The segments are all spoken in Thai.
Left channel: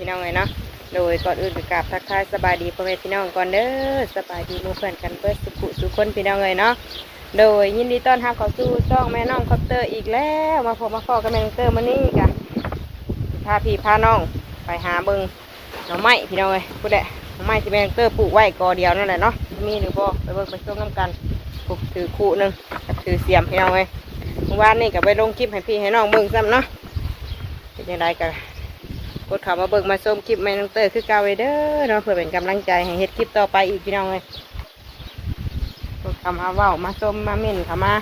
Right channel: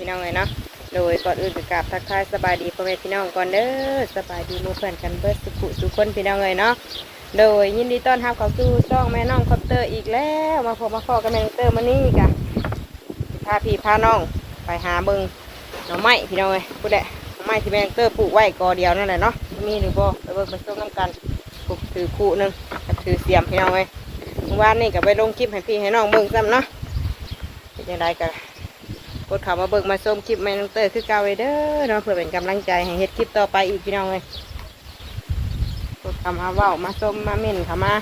พี่น้องเลยเนาะโดยก่อนอื่นก็กราบทักทายสบายดีพ่อแม่พี่น้องก่อนเด้อสบายดีมู่เพื่อนกันเบิดสุขุสุขคนพี่น้องเลยเนาะโดยยินดีต้อนรับเข้าสู่ช่องแม่น้องคอปเตอร์อีกแล้วมาพบมาขอกับแม่น้องเตอร์มานี่กะสิพาพี่พาน้องไปหาเบิงหน่อไม้พี่น้องเอ้ยพูดแหละหน่อไม้ที่แมงเตอร์ปลูกไว้กอเดียวนั่นแหละเนาะมีหรือบ่ไปเบิ่งไปชมน้ำกันปลูกถือคู่หนึ่งถือเสียมพี่น้องเอ้ยเมื่อวานนี่ก็ไปลงคลิปให้พี่ให้น้องเบิ่งซ้ำเนาะเป็นยังไงกัน กดเข้ามาเบิ่งมาชมคลิปแมงเตอร์คือเก่าวเด้อเนาะเพื่อเป็นกำลังใจให้เฮ็ดคลิปต่อไปอีกพี่น้องเอ้ยกดเข้ามาเว้ามาชมมาเม่นเข้ามา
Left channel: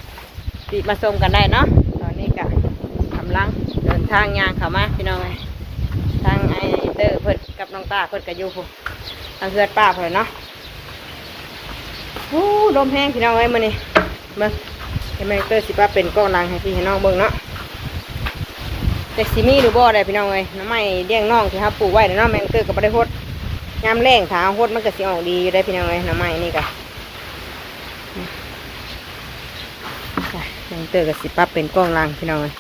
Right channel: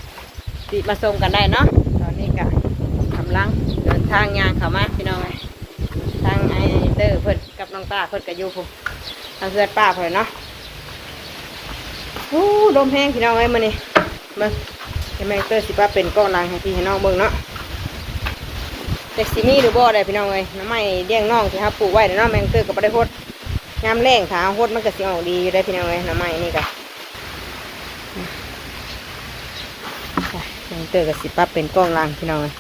ติมาชมกันได้เนาะตอนนี้ก็กำลังเดินทางยางเข้ามาพี่น้องเอ้ยทางไอเตอร์เพิ่นกับน้องป้าเพิ่นกับยูผมทางเพื่อนป้าเพิ่นเนาะโอ้ลมแห้งพี่น้องเอ้ยมื้อนี้มาให้แม่เตอร์สิป้าเป็นกล้องหลังให้พี่ให้น้องเบิ่งเนาะ แต่สิมีหรือบ่อได้พี่น้องเอ้ยน้ำไม้เลี้ยงน้องที่เฮาปลูกไว้เนาะแมงเตอร์ก็บ่ได้ฮดยามแรงถ้าฮดมันก็สิออกดีอยู่ได้พี่น้องเอ้ยน้ำไม้นี่ก็แมงเตอร์ก็สิป้าเป็นกล้องลังพี่น้องเอ้ย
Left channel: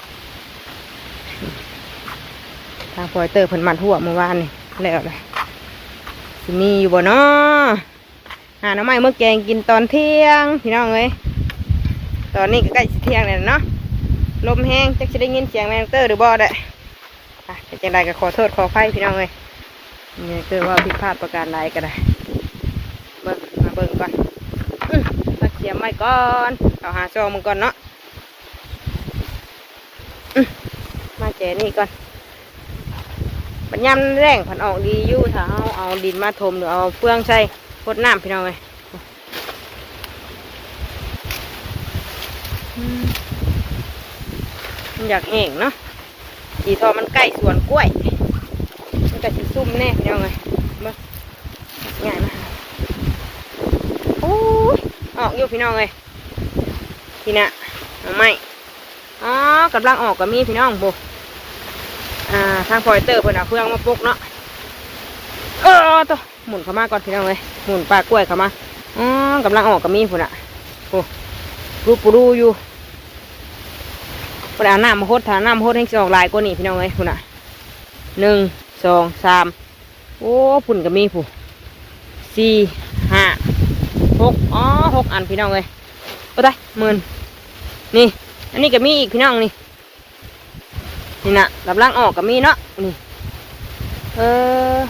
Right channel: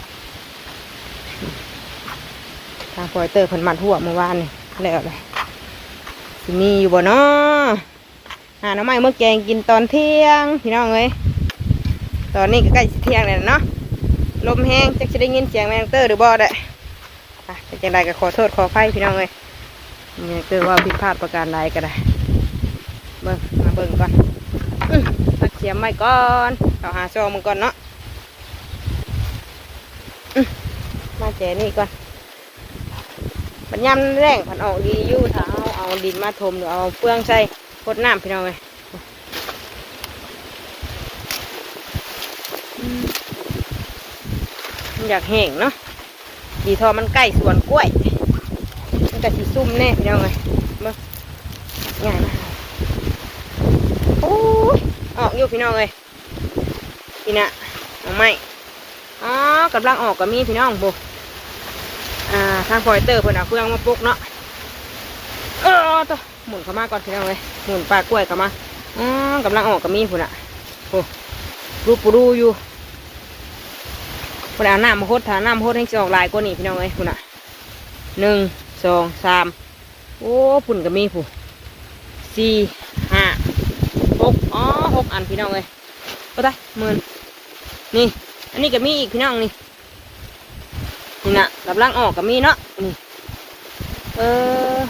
ทางพอยเตอร์เพิ่นมัดหัวเมื่อวานนี่แล้วเลยสิมีอยู่บ่เนาะหาน้ำไม้เมื่อแกงกินตอนเที่ยงพี่น้องเอ้ยตอนนี้ก็ใกล้เที่ยงแล้วเนาะ ลมแห้งจะจะได้ยินเสียงแมงเตอร์หรือบ่ได้อะเจังไรก็ขอโทษขออภัยพี่น้องเอ้ยนี่คือว่าผิดพลาดประการใดก็ได้เบิ่งมาเบิ่งก่อนอมาเสียมไว้ก่อนเอาหาซองมึงก่อนเนาะมาแจนี่ก่อนปัญญามแรงผันออกดีอยู่ถ้าเอาเอาดินมาถมหรือเอาเฟืองใส่พดน้ำพี่น้องเลยอืมมัน อยากแห้งเนาะดีทอมันใกล้สวนกล้วยมันจะสีซุ่มแน่พี่น้องเลยเบิ่งงานนะโอ้ออกอยู่พี่น้องเลยพี่นะเอาไม่อ๋อกำลังออกกับมีพี่น้องโบอ่าทางพอยเตอร์เพิ่นเอาเฟืองมาปลุกเนาะเออตัวหมุนเข้ามาก่อนพี่น้องเลยหมุนปลากล้วยเข้ามาอ๋อกำลังออกกับมีพุ่นอะโอ้รูปรูอยู่ นเอาน้ำมาโคตรถ้าน้ำมาโคตรให้จออกลายกว่านี้พี่น้องเลยพุ่นอะหนึ่งสองสามโอ้พุ่นกับมีผู้สี่ห้าหกอ๋อหกอันพี่น้องเลยไปได้หมื่นนี่ อันนี้ก็มีอีกพี่น้องนี่นี่นะกำลังออกกับมีเนาะนี่เออ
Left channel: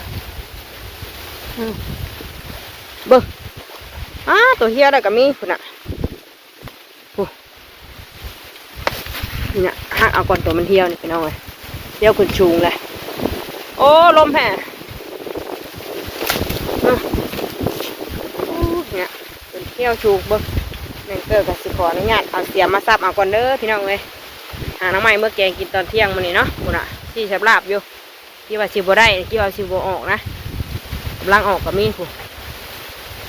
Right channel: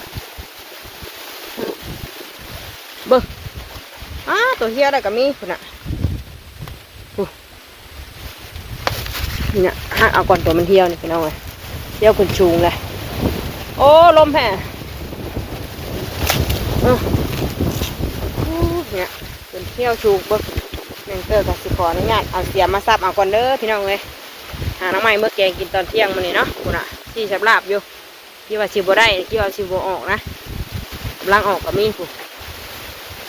เบิ้งอ้าตัวเฮียได้กับมีคุณน่ะโอ้ นี่นะหักเอาก่อนตัวมันเที่ยวนี่พี่น้องเลยเที่ยวขึ้นชูงเลยโอ้ลมแห่เนี่ยเป็นเที่ยวชูงเบิ้งแมงเกอร์กับสิขออนุญาตเอาเสียมมาซับเอาก่อนเด้อพี่น้องเลยหาน้ำไม้เมื่อแกงกินตอนเที่ยงมันนี่เนาะคุณอะที่สับลาบอยู่ที่ว่าสิบได้ที่ว่าสิบออกนะกำลังออกกับมีผู้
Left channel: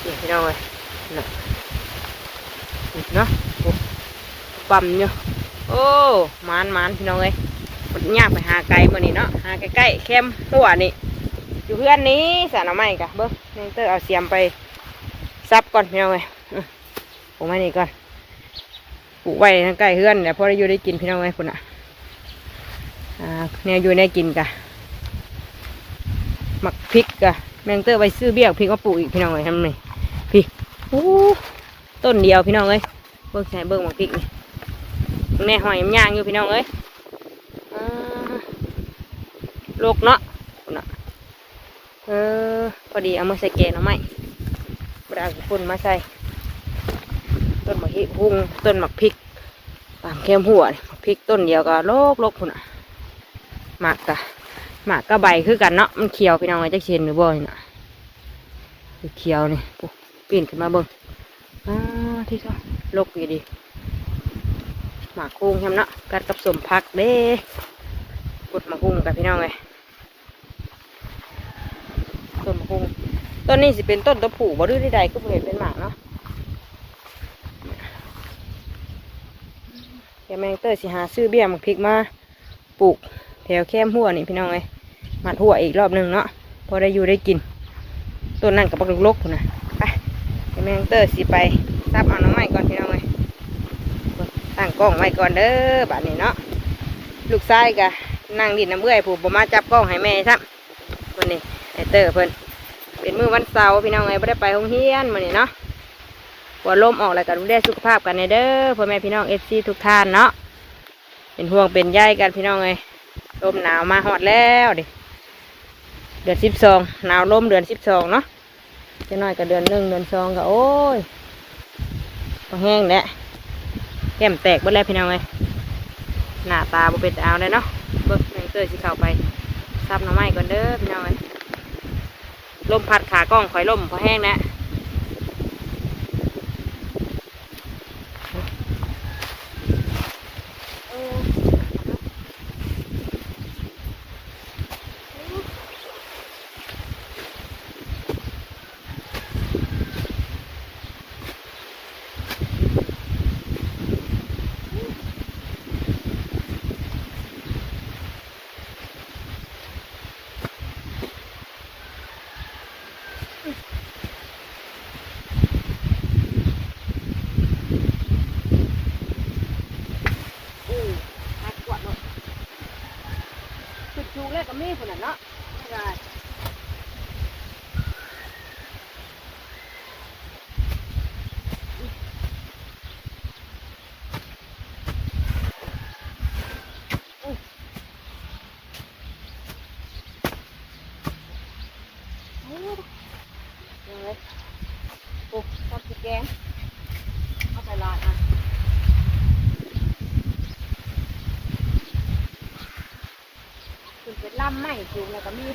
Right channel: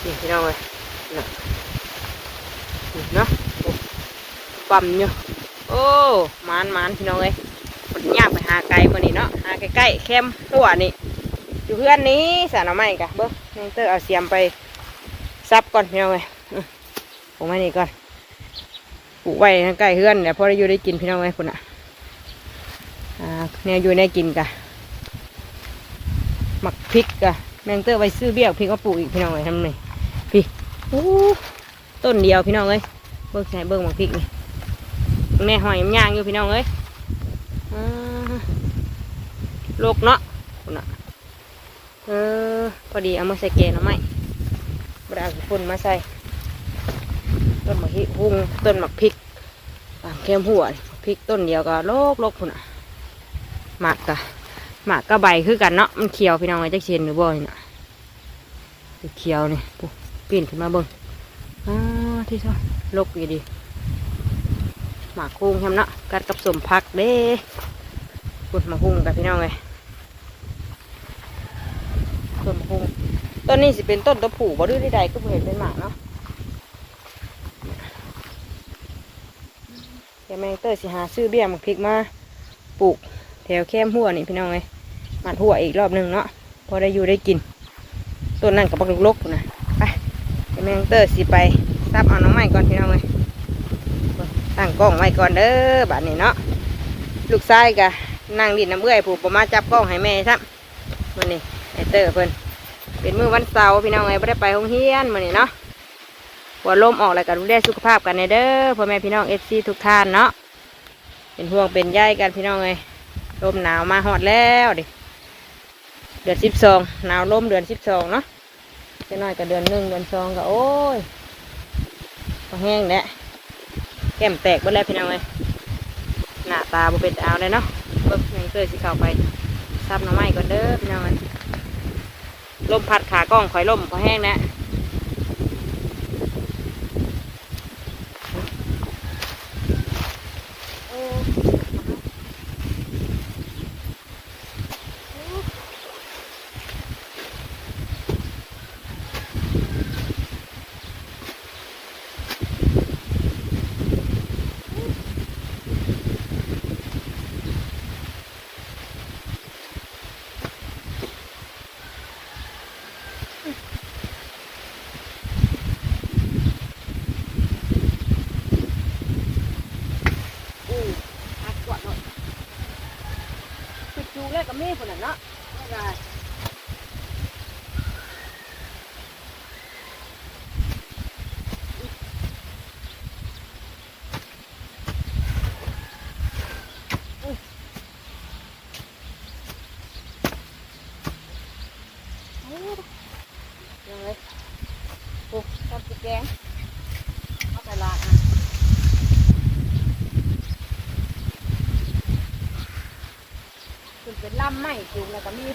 นี่พี่น้องเลยนะเนาะปั๊มอยู่ โอ้มานมานพี่น้องเลยมันยากไปหาไกลมานี่เนาะหาใกล้ๆแคมหัวนี่อยู่เพื่อนนี้สาน้ำไม้กะเบิ้งแมงเตอร์เอาเสียมไปซับก่อนพี่น้องเลยอื้อผมมานี่ก่อนปลูกไว้ทางใกล้เฮือนเดี๋ยวพอได้อยู่ได้กินพี่น้องไว้คุณอะอ่าเนี่ยอยู่ได้กินกะหมักพริกกะแมงเตอร์ไว้ซื้อเบี้ยพริกก็ปลูกอีกพี่น้องเลยทำหนึ่งพี่โอ้ต้นเดียวพี่น้องเอ้ยเบิ่งใส่เบิ่งหมักพริกนี่ แม่หอยมันย่างอยู่พี่น้องเอ้ยอ่าโลกเนาะคุณอะเออ พอดีเอามาใส่แกงหน่อไม้บไดเอาฝุ่นมาใส่ ต้นหมากพริกหุงต้นหมากพริกตามเข้มหัวพริกต้นเดียวก็โลกโลกพุ่นอะหมากกะหมากกะใบคือกันเนาะ มันเขียวพี่น้องไอ้จักเชนหรือบ่นี่น่ะเขียวนี่ปุ๊ปีนขึ้นมาเบิ่งอ่าที่ชอบโลกดีดี หมากคุงทำเนาะกัดกับสมพักเด้ปุดหมากคุงกับพี่น้องเลยต้นหมากคุงต้นนี้สิเป็นต้นตะผูบ่ดื้อใดๆก็เห็นเป็นหมากเนาะแกแมงเตอร์สิหาซื้อเบี้ยหมักพริกมาปลูกแถวแคมหัวนี่พี่น้องเอ้ยมัดหัวอีกรอบหนึ่งเนาะพอได้อยู่ได้กินต้นนั่นกับปักลกๆนะไปแมงเตอร์สิไปซับเอาน้องใหม่ก่อนพี่น้องเลย ตั้งกล้องไว้ก่อนเด้อบัดนี้เนาะลูกชายกะนั่งดินน้ำเอื้อยผูกมาจับกล้องให้แม่ครับวันนี้ไอเตอร์เพิ่นเป็นมื้อวันเสาร์พี่น้องเลยไม่ได้ไปโรงเรียนวันนี้เนาะหัวลมออกแล้วกันดูแลสุขภาพกันในเด้อพ่อแม่พี่น้องเอฟซีทุกท่านเนาะเป็นห่วงเป็นใยกันพี่น้องเลยลมหนาวมาฮอดแล้วดิเดือนสิบสองหนาวลมเดือนสิบสองเนาะไปหน่อยก็เดือนหนึ่งเดือนสองก็โอ้ยแห้งแหละ แก้มแตกหมดแล้วพี่น้องเลยหน้าตาบ่เป็นตาเอาเลยเนาะเบิ่งแมงเตอร์สิเข้าไปซับหน่อไม้ก่อนเด้อพี่น้องเลยลมพัดขากล้องคอยลมพอแห้งนะโอ้พัดกวาดหน่อยปิ ดจูกแล้วก็มีคนน่ะเนาะไม่ได้เอาเลยยังไงโอ้ทำสิแกงเอาไปลาดอะ ขึ้นเป็นล่ำไม้ จูงแล้วก็มี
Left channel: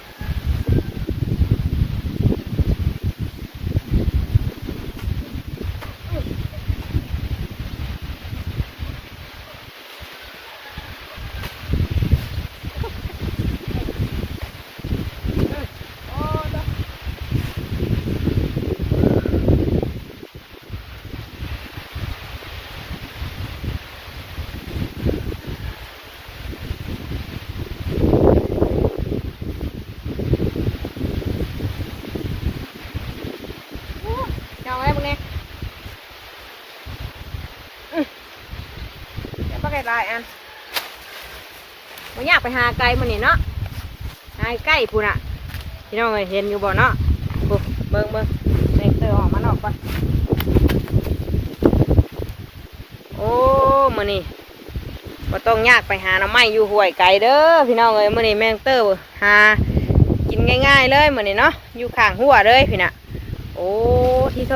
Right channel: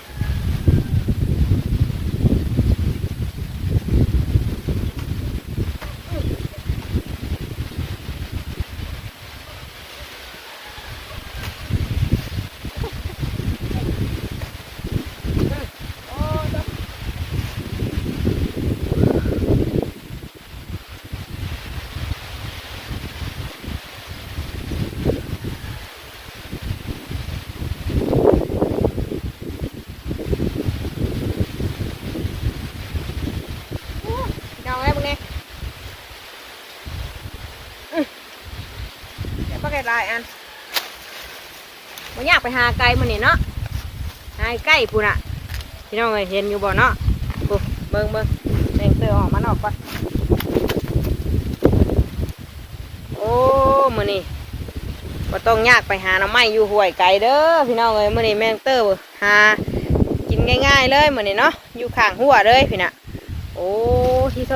โอ้จ้ะเอาไว้มึงเนี่ยอื้อ เดี๋ยวป้าไก่ลายอันมันอยากไปหาไก่มันนี่เนาะหาไก่พูนอะพี่น้องเอ้ยเห็นอยู่บ่เนาะปุ๊บเบิ่งเบิ่งเด็กเตอออกมานออกก่อนโอ้มือนี้บ่ต้องยากไปหาน้ำไม้อยู่ห้วยไก่เด้อพี่น้องเอ้ยมือนี้แมงเตอร์หากินง่ายๆเลยมือนี้เนาะอยู่ข้างหัวเลยพี่น่ะโอ้ที่โต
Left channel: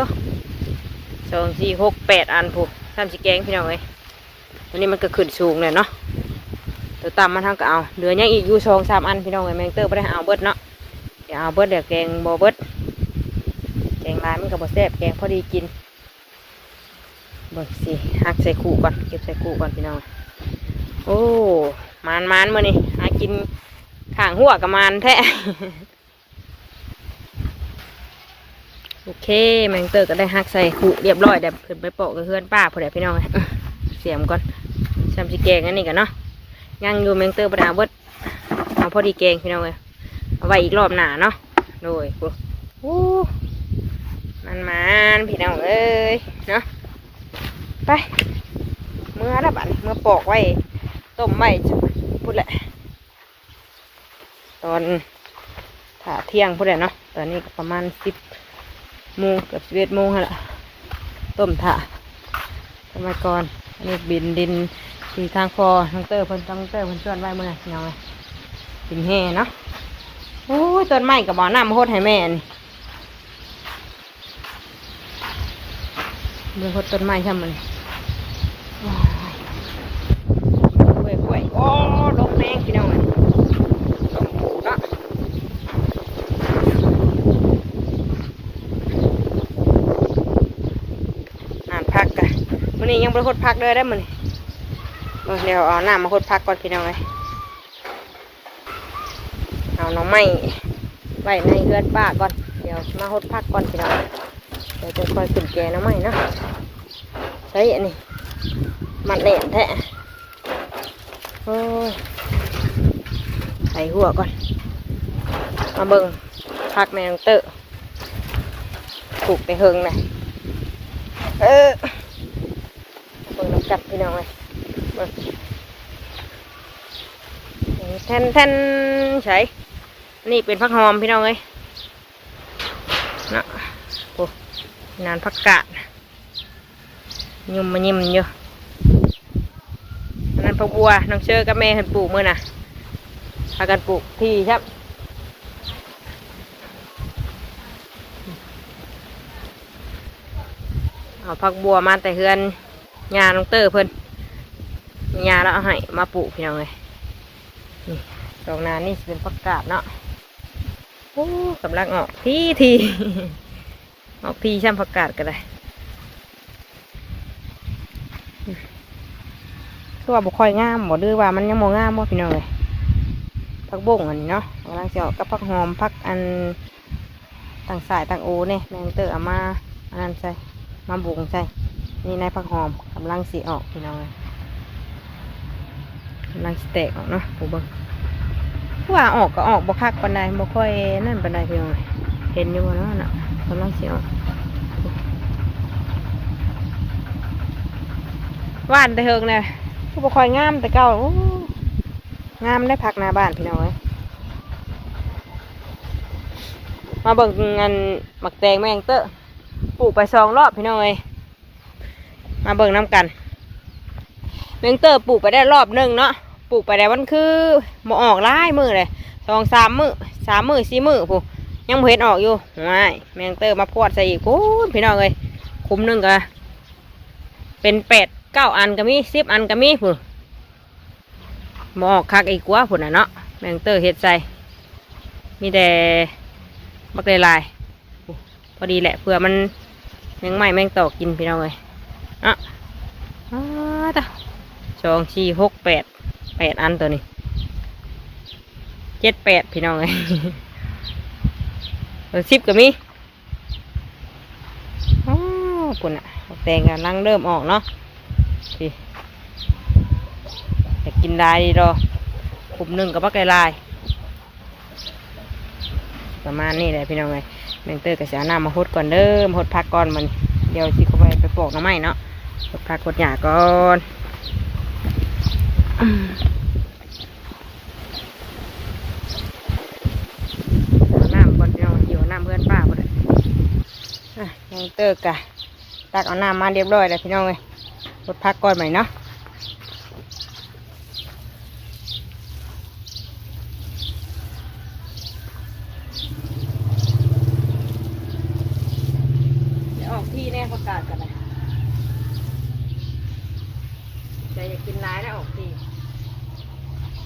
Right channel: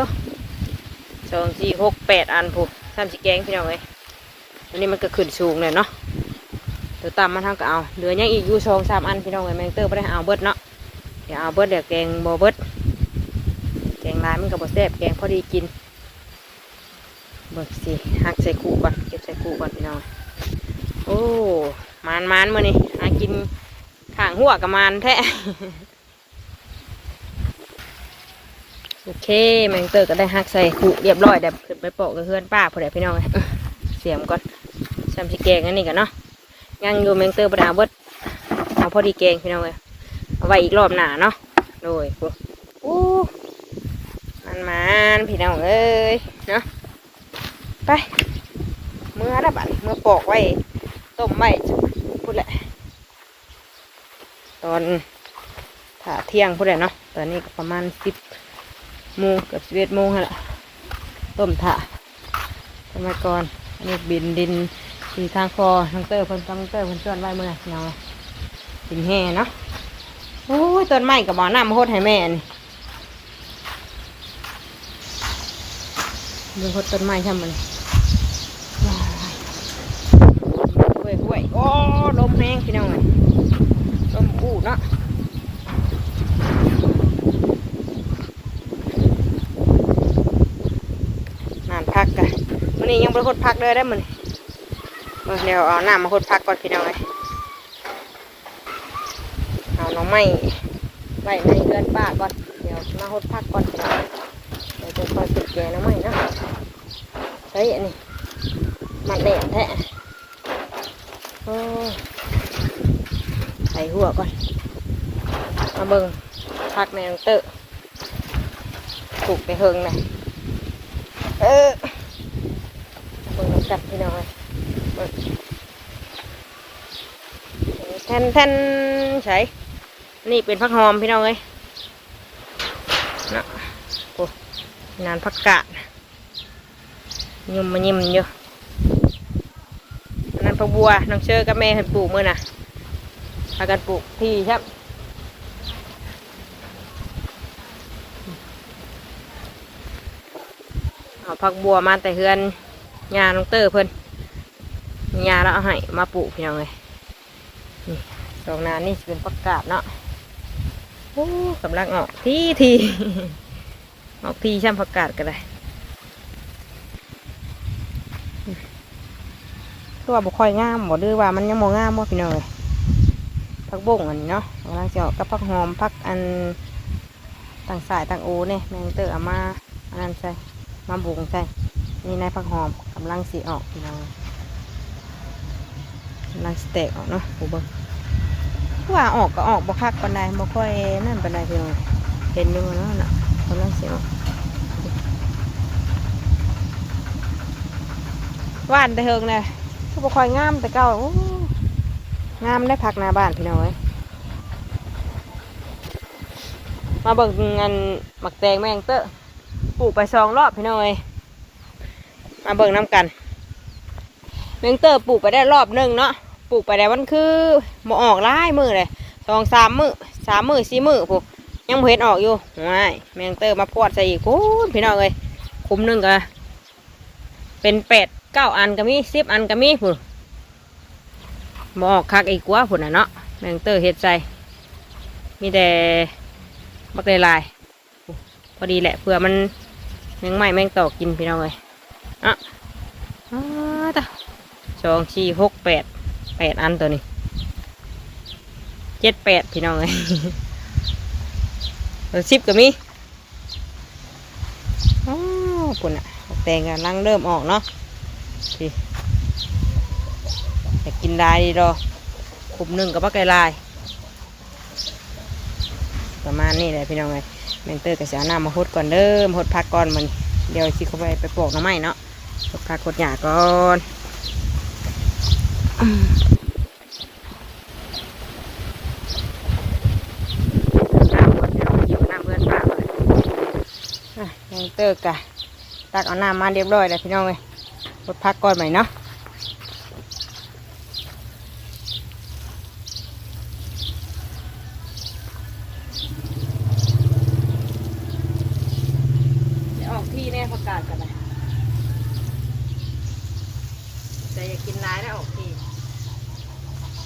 สองสี่หกแปดอันผู้ทำสิแกงพี่น้องเอ้ย วันนี้มันก็ขึ้นสูงเลยเนาะเดี๋ยวตามมาทางก็เอาเหลือยังอีกอยู่สองสามอันพี่น้องเอ้แมงเตอร์ไม่ได้เอาเบิดเนาะเดี๋ยวเอาเบิดเดี๋ยวแกงโบเบิดแกงร้านมันก็บแซ่บแกงพอดีกินเบิกสิหักใส่ขู่ก่อนเก็บใส่ขู่ก่อนพี่น้องโอ้มานมานมื่อนี้หากินข้างหัวกับมานแท้โอเคแมงเตอร์ก็ได้หักใส่ขู่เรียบร้อยเดี๋ยวขึ้นไปโปะกับเพื่อนป้าพอดีพี่น้องเสียมก่อน จำสิแกงอันนี้กันเนาะยังอยู่แมงเตอร์ประดาเบิดเอาพอดีแกงพี่น้องเลยเอาไว้อีกรอบหน้าเนาะโดยกูอู้มันมันพี่น้องเอ้ยเนาะไปเมื่อระบาดเมื่อปอกไว้ต้มไว้จะพูดแหละ ตอนถ่าเที่ยงพูดแหละเนาะตอนนี้ประมาณสิบโมงเกือบสิบเอ็ดโมงแล้วต้มถ่าทำไมก่อนอันนี้บินดิน ที่ทางฟอน้องเตอร์เพิ่นน้องเตอร์เพิ่นชวนไว้เมื่อไหร่เนาะดินแห่เนาะโอ้ยต้นไม้กับบ่อน้ำมโคตรให้แม่นี่เบิ่งโคตรต้นไม้ช่ำมันกล้วยกล้วยโอ้ลมแห้งพี่น้องเลยลมคู่เนาะนานพักกันวันนี้ยังบริโภคพักเลยได้มัน เดี๋ยวเอาน้ำมาหดพักก่อนพี่น้องเลยเอาน้องไม้ไว้ในเรือนป้าก่อน เดี๋ยวมาหดพักก่อนพี่น้องเดี๋ยวจะคอยขึ้นแกน้องไม้นะใช้อันนี้มันแหลมแท้ใส่หัวก่อน มาเบิ่งพักแมงเตอร์ถูกแต่เฮิงนะเออเบิ่งจับพี่น้องเลย แทนแทนใส่นี่เป็นผักหอมพี่น้องเลยนะโอ้นานผักกาดยุ่มมายิ้มอยู่อันนั้นผักบัวน้องเชอกับแม่เห็นปลูกมื่อน่ะพากันปลูกที่ครับเอาผักบัวมาแต่เฮือนยาน้องเตอร์เพิ่น ยาแล้วเอาให้มาปลูกพี่น้องเลยนี่ดอกนานี่เป็นผักกาดเนาะโอ้กำลังออกทีทีออกทีช่ำผักกาดก็ได้คือว่าบุค่อยงามบ่ดื้อว่ามันยังโมงามบ่พี่น้องเลยผักบุ้งอันนี้เนาะกำลังจะออกกับผักหอมผักอันต่างสายต่างโอเนี่ยแมงเตอร์อามาอันนั้นใส่มาบุ้งใส่นี่นายผักหอมกำลังสีออกพี่น้องกำ ลังสเตกออกเนาะผู้เบิ่งว่าออกก็ออกบ่คักปานใดบ่ค่อยนั่นปานใดพี่น้องเห็นอยู่บ่เนาะน่ะกำลังสีออกว่านแต่เฮิงเลยก็บ่ค่อยงามแต่เก่าโอ้งามได้พักหน้าบ้านพี่น้องเอ้ยมาเบิ่งงานหมักแตงแมงเตอร์ปลูกไปสองรอบพี่น้องเอ้ยมาเบิ่งน้ำกันเมงเตอร์ปลูกไปได้รอบหนึ่งเนาะ ลูกไปได้วันคือหมอออกหลายมือเลยสองสามมือสามมือสี่มือผู้ยังบ่เห็นออกอยู่ว้ายแมงเตอร์มาพวดใส่อีกโอ้พี่น้องเอ้ยคุ้มหนึ่งก็เป็นแปดเก้าอันก็มีสิบอันก็มีผู้หมอออกคักอีกกว่าผู้น่ะเนาะแมงเตอร์เฮ็ดใส่มีแต่บักลายพอดีแหละเผื่อมันแมงไม้แมงตอกกินพี่น้องเลยอะอ่าตาสองสี่หกแปด แปดอันตัวนี้เจ็ดแปดพี่น้องเลยสิบก็มีอ๋อปุ่นอะบักแตงกันลังเริ่มออกเนาะพี่อยากกินลายดีรอขุมหนึ่งกับบักลายประมาณนี้แหละพี่น้องเลยแมงเตอร์กับเสียน้ำมาหดก่อนเด้อมหดพักก่อนมันเดี๋ยวสิเขาไปไปปลูกน้ำไม้เนาะหดพักหดหญ้าก่อน น้ำก่อนเดี๋ยวอยู่น้ำเพื่อนป้ามาเลยอะแมงเตอร์กะตักเอาน้ำมาเรียบร้อยแล้วพี่น้องเลยหดพักก่อนใหม่เนาะเดี๋ยวออกที่แน่ประกาศกันเลยแต่อย่ากินร้ายแล้วออกที่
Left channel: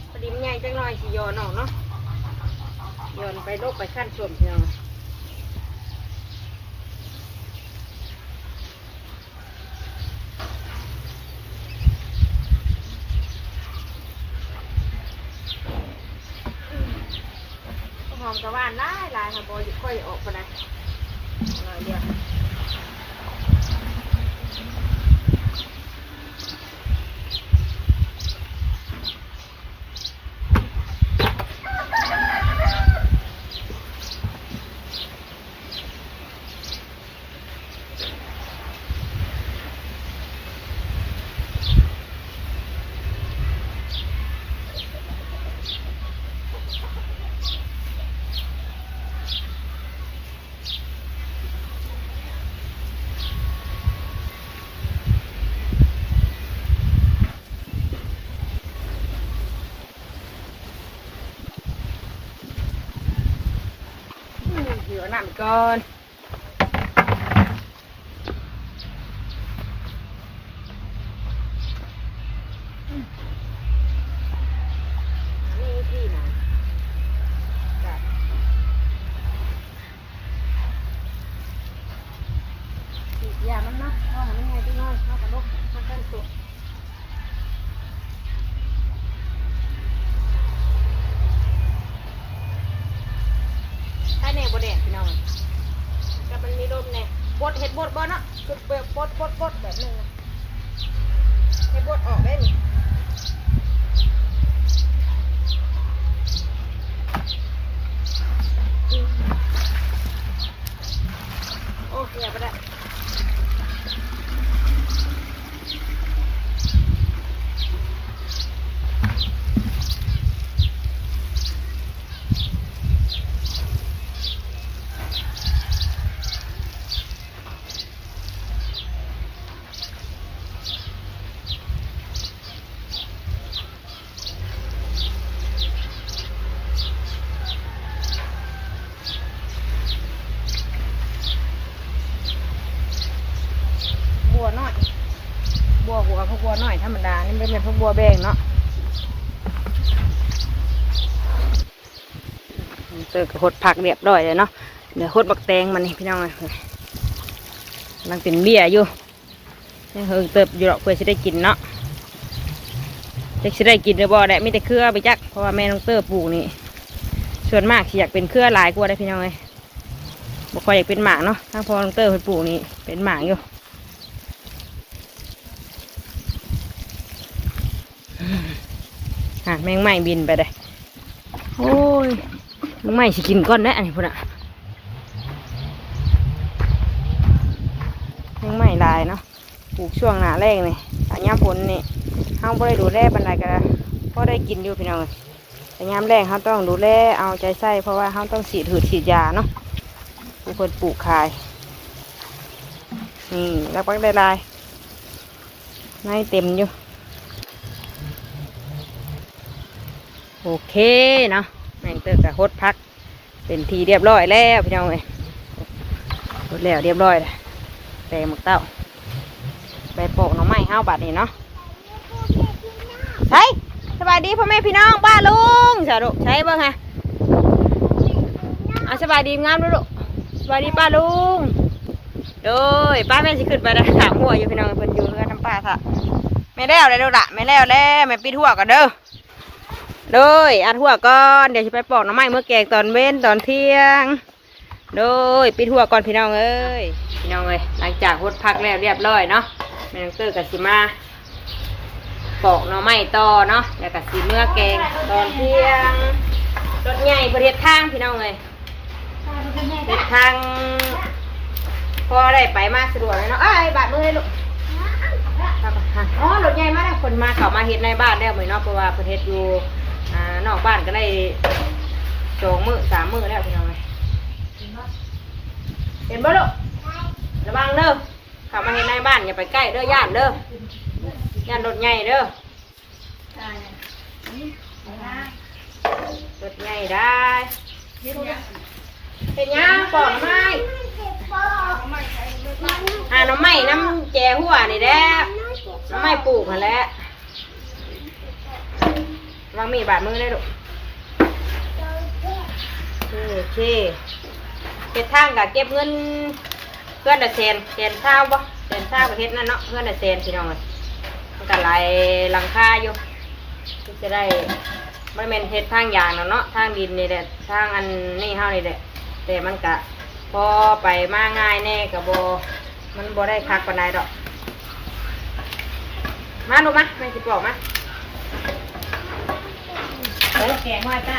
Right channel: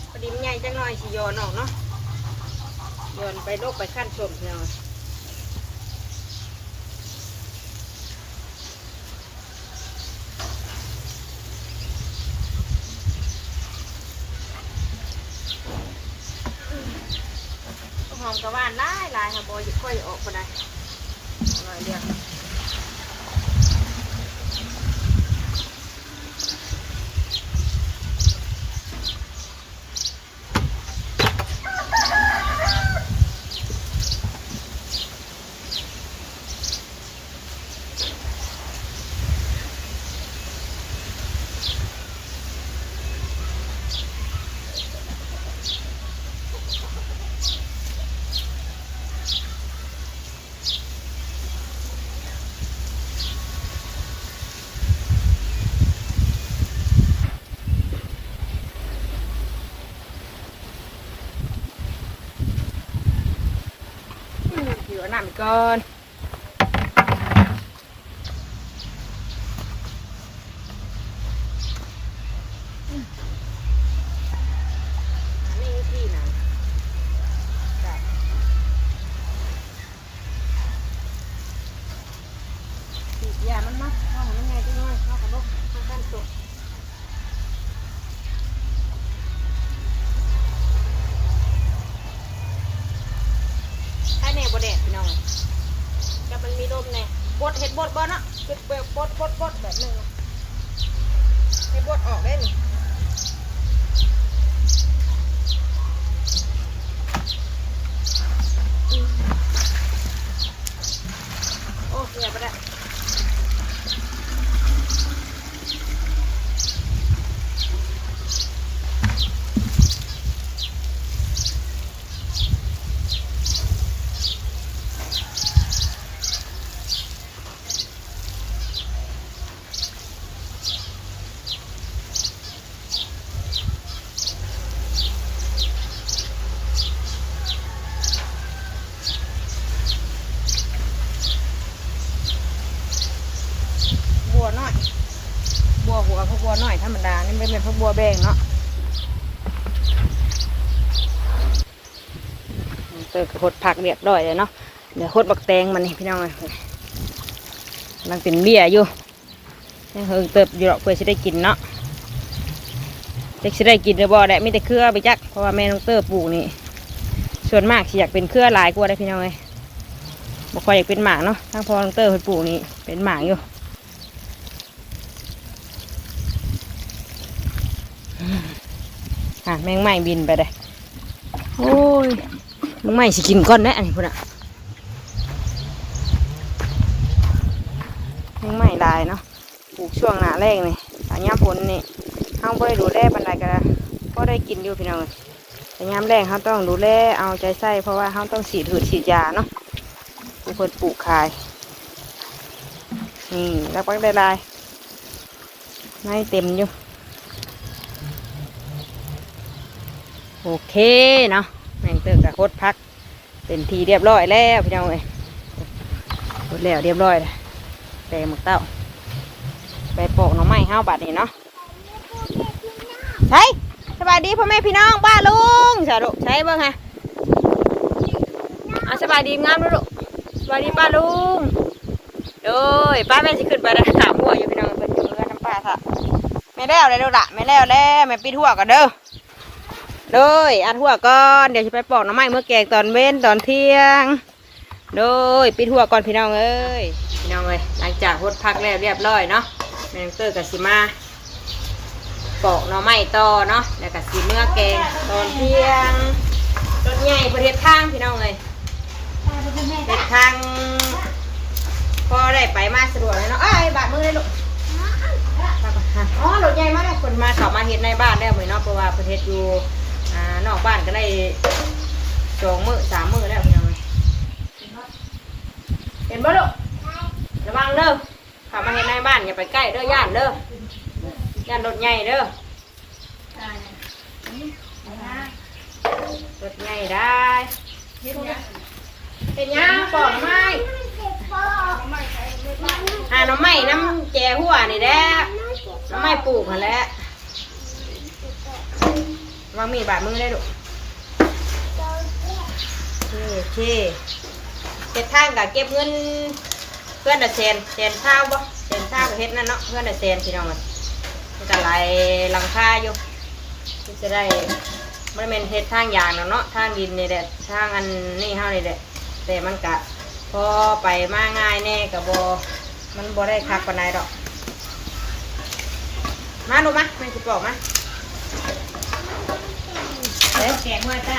พอดีมันใหญ่จังหน่อยสิโยนออกเนาะโยน ไปขั้นส่วนเพียงหอมกระว่านได้ลายค่ะบอยค่อยออกไปนะหน่อยเดียว เหลือ น้ำก่อนนี่วิธีนะจับฉีดยามันเนาะเอาให้มันไงจังน้อยเอากระดกมากันตัว ถ้าแน่บ่แดดพี่น้องกับมันมีลมแน่บดเห็ดบดบ่เนาะคือแบบบดบดบดแบบหนึงนะเห็ดบดออกได้เลยโอ้ยอย่าไปได้ วน้อย บัวหัวพวกบัวน้อย นี่เป็นพวกบัวแบงเนาะเติร์กับหดผักเรียบร้อยเลยเนาะเดี๋ยวหดบักแตงมันนี่พี่น้องเลยกำลังเป็นเบี้ยอยู่ยังเฮงเติบอยู่หรอกเพื่อจะได้กินเนาะจะจะได้กินหรือบ่ได้มีแต่เครือไปจักเพราะว่าแม่น้องเติบปลูกนี่ส่วนมากสิอยากเป็นเครือหลายกว่าได้พี่น้องเลยบ่ค่อยอยากเป็นหมากเนาะทางพอน้องเติบเพิ่นปลูกนี่เป็นหมากอยู่ อะแมงไหม้บินไปเลยโอ้ยแมงไหม้สิกินก้อนนะอันนี้พุ่นอะแมงไหม้ลายเนาะปลูกช่วงหน้าแรกนี่แต่ยามฝนนี่เฮาบ่ได้ดูแลบันไดกันก็ได้กินอยู่พี่น้องเอ้ยแต่ยามแรงเฮาต้องดูแลเอาใจใส่เพราะว่าเฮาต้องฉีดหืดฉีดยาเนาะผู้คนปลูกขายนี่แล้วปักได้ลายในเต็มอยู่ โอเคเนาะแมงเตอร์กับโคตรพัก เป็นทีเรียบร้อยแล้วพี่น้องเอ้ยหมดแล้วเรียบร้อยแล้วแต่หมกเต้าไปโปกน้องไม้ห้าบาทนี่เนาะใช่สบายดีพ่อแม่พี่น้องป้าลุงสาธุใช้เบ้างฮะเอาสบายดีงามดูลูกสบายดีป้าลุงโดยป้าแม่สิขึ้นไปถามหัวอยู่พี่น้องเป็นอยู่เงินน้ำป้าค่ะแม่แล้วเลยลูกละแม่แล้วแล้วแม่ปิดหัวกันเด้อ เลยอัดหัวก่อนเดี๋ยวจะไปปอกหน้ำไม้เมื่อแกงตอนเว้นตอนเที่ยง โดยปิดหัวก่อนพี่น้องเอ้ยพี่น้องเอ้ยหลังจากหดพักแล้วเรียบร้อยเนาะแมงเตอร์กับสิมาปอกหน้ำไม้ต่อเนาะแล้วกับสีเมื่อแกงตอนเที่ยงรถใหญ่ประเทศทางพี่น้องเอ้ยเฮ็ดทางพอได้ไปมาสะดวกเลยเนาะเอ้บาดมือเลยลูกอ๋อรถใหญ่มากเลยคนมาเขามาเฮ็ดในบ้านแล้เหมือนเนาะเพราะว่าประเทศอยู่ นอกบ้านก็ได้สองมือสามมือแล้วพี่น้องเอ้ยเห็นบ่ลูกระวังเด้อเขามาเฮ็ดในบ้านอย่าไปใกล้เด้อย่านเด้อย่านรถใหญ่เด้อรถใหญ่ได้เป็นยังปอดไม้อ่าน้ำไม้น้ำแจหัวนี่แหละน้ำไม่ปลูกมาแล้ว วางมีดบาดมือได้ลูกโอเคเฮ็ดทางกับเก็บเงินเพื่อนน่ะแสนแสนเช้าบ่แสนเช้าประเทศนั่นเนาะเพื่อนน่ะแสนพี่น้องเลยมันก็ไหลหลังคาอยู่ที่จะได้ม่ได้เป็นเฮ็ดทางยางเนาะเนาะทางดินนี่แหละทางอันนี่เฮานี่แหละแต่มันกะพอไปมาง่ายแน่กับโบมันโบได้คักปานใดดอก มาลูมาแม่สิดบอกมา เอ๊ะแกงห้อยจ้า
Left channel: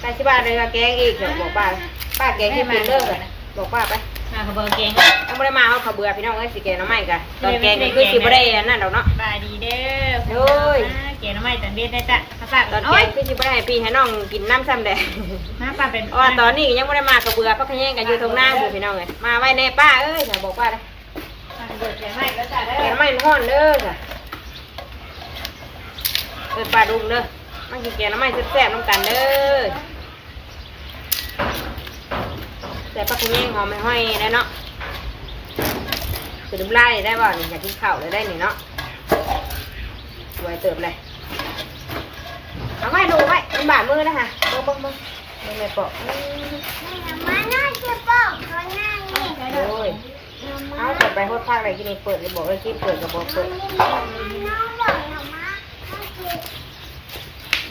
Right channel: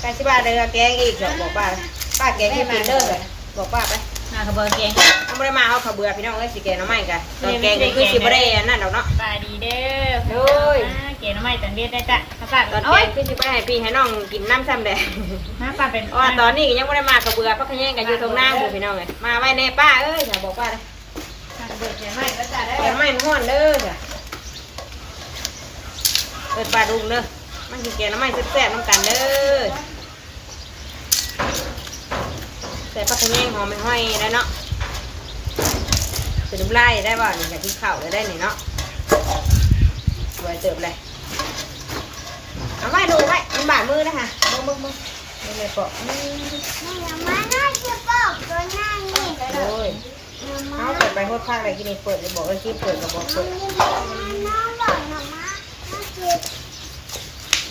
ไก่สิบ้าเลยแกงอีกเดี๋ยวบอกป้าเลยป้าแกงที่กินเลิกเลยบอกป้าไปหากระเบอร์แกงเอาไม่ได้มาเขาเขาเบื่อพี่น้องเอ้ยสิแกงน้ำไม้กันตอนแกงก็คือสิบ่ได้อันนั่นดอกเนาะบายดีเด้อโอ้ยแกงน้ำไม้ตอนเด็ดนะจ๊ะมาฝากตอนแกโอ้ยงคือสิบ่ได้ให้พี่ให้น้องกินน้ำซ้ำแดงมาป้าเป็นเพราะว่าตอนนี้ยังไม่ได้มาเขาเบื่อพักขยันกันอยู่ตรงหน้าอยู่พี่น้องเลยมาไว้แน่ป้าเอ้ยอย่าบอกป้าเลยหากระเบอร์แกงไม้ก็จ้าเด้แกงอน้ำไม้มันห้อนเด้อจ้ะเอิดป้าดุงเด้อ มันกินแกงน้ำไม้แซ่บๆน้ำกันเด้อใส่ผักขะแยงหอมไม่ห้อยได้เนาะใส่น้ำไล่ได้บ่นี่อยากกินข้าวเลยได้นี่เนาะสวยเติบเลยเอาไว้ดูไว้มันบาดมือนะคะเบิ้งเบิ้งเบิ้งเบิ้งเลยปอกอืมโอ้ยเอาเปิดไปโคตรพักเลยกินนี่เปิดเลยบอกเลยกินเปิดกับบอกเปิด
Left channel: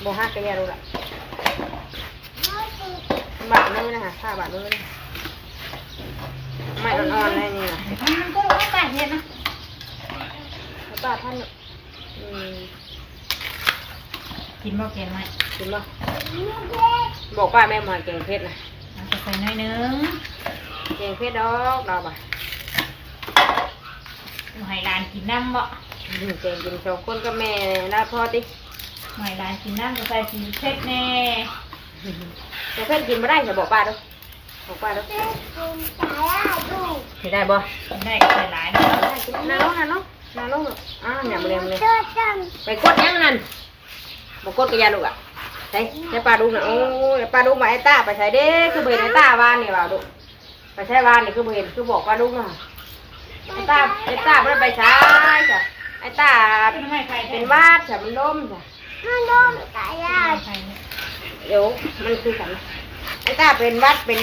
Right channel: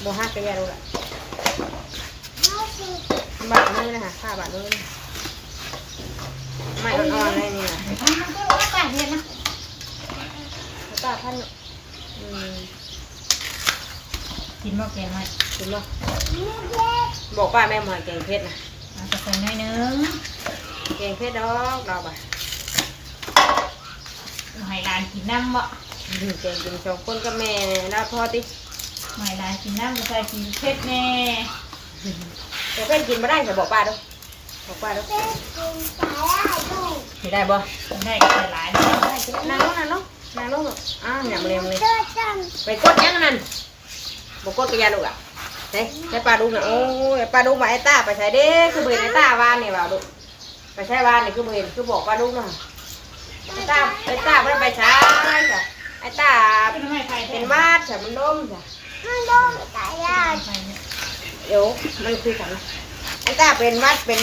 บอกฮักกันยาดูละมันบาดมือนะคะผ้าบาดมือนะคะไม่อ่อนๆเลยนี่นะมันก็ว่าป้าเห็นนะแล้วป้าท่านอืมกินบ่แกงไม้กินบ่บอกป้าแม่หมอนเก่งเพชรนะเอาจะใส่หน่อยนึงเก่งเพชรดอกดอกบ่ะให้หลานกินน้ำบ่อืมเก่งกินสองคนกับแม่ได้พอติให้หลานกินน้ำก็ใส่สีเผ็ดแน่แต่เพชรกินไม่ได้จะบอกป้าดูบอกป้าดูไม่ได้บ่ได้ใส่หลายนะได้กินนาน้องนาน้องนาน้องอ่าหยำเรียมเลยไปกดยังนั่นบอกกดกับยาลูกอะใช่ใช่ป้าดูนะโอ้ยป้าดูมาไอ้ตาไปใส่เด้คือเบนไอ้ตาวานนี่ว่าดูไปใช้วานนี่คือเบนคือบอกป้าดูนะไอ้ตาไอ้ตาไม่ได้ไปไปใช้จ้ะไอ้ตาทำไมใครเป็นวาดจ้ะมันล้มจ้ะ มันโดนตายยากใครเนี่ยเดี๋ยวมันคือกันไอ้ตาเป็นวัดเป็น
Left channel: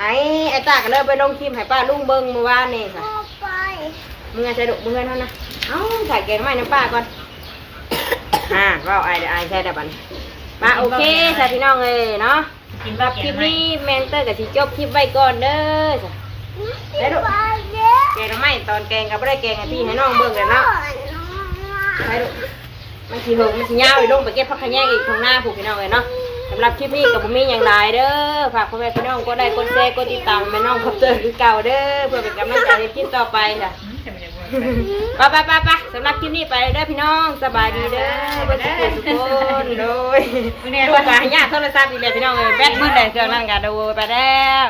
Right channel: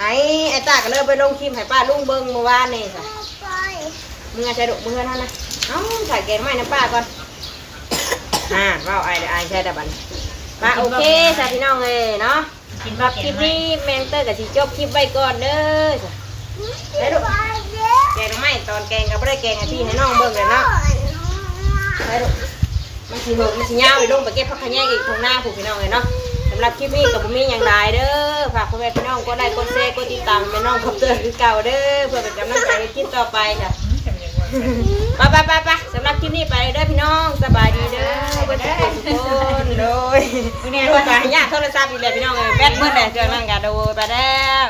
ไอ้ไอ้ตาก็เลยไปลงคลิปให้ป้าลุงเบิ้งเมื่อวานนี่จ้ะพ่อไปมึงอาจจะดุมึงเท่านั้นนะเอ้าใส่แกงไม้น้ำป้าก่อนอ่าเราไอ้ไอ้ใช่แต่บัดนมาโอเคสาพี่น้องเลยเนาะกินสำหรับคลิปนี้แมนเตอร์กับสิจบคลิปไว้ก่อนเด้อจ้ะไปเยอะแกงไม้ตอนแกงก็ไม่ได้แกงให้พี่ให้น้องเบิ่งเลยเนาะไปดู มันสีหงมันสียาวอีกลงไปเก็บผักขะแยงอีกทางหน้าผูกพี่น้องเลยเนาะสำหรับคลิปนี้กับผมมีอย่างไรเด้อฝากพ่อแม่พี่น้องก็ได้กดแชร์กดติดตามแม่น้องคอปเตอร์คือเก่าเด้อเพื่อเป็นกำลังใจในคลิปต่อไปจ้ะไปไปไปไปสำหรับคลิปนี้ไปเด้อพี่น้องสบายดีเด้อเพื่อนทุกคนโดยดูการยากโทรศัพท์อีกแล้วพี่น้องเลยแบตเบิดเลยเครื่อนั่นกันดูไปแล้ว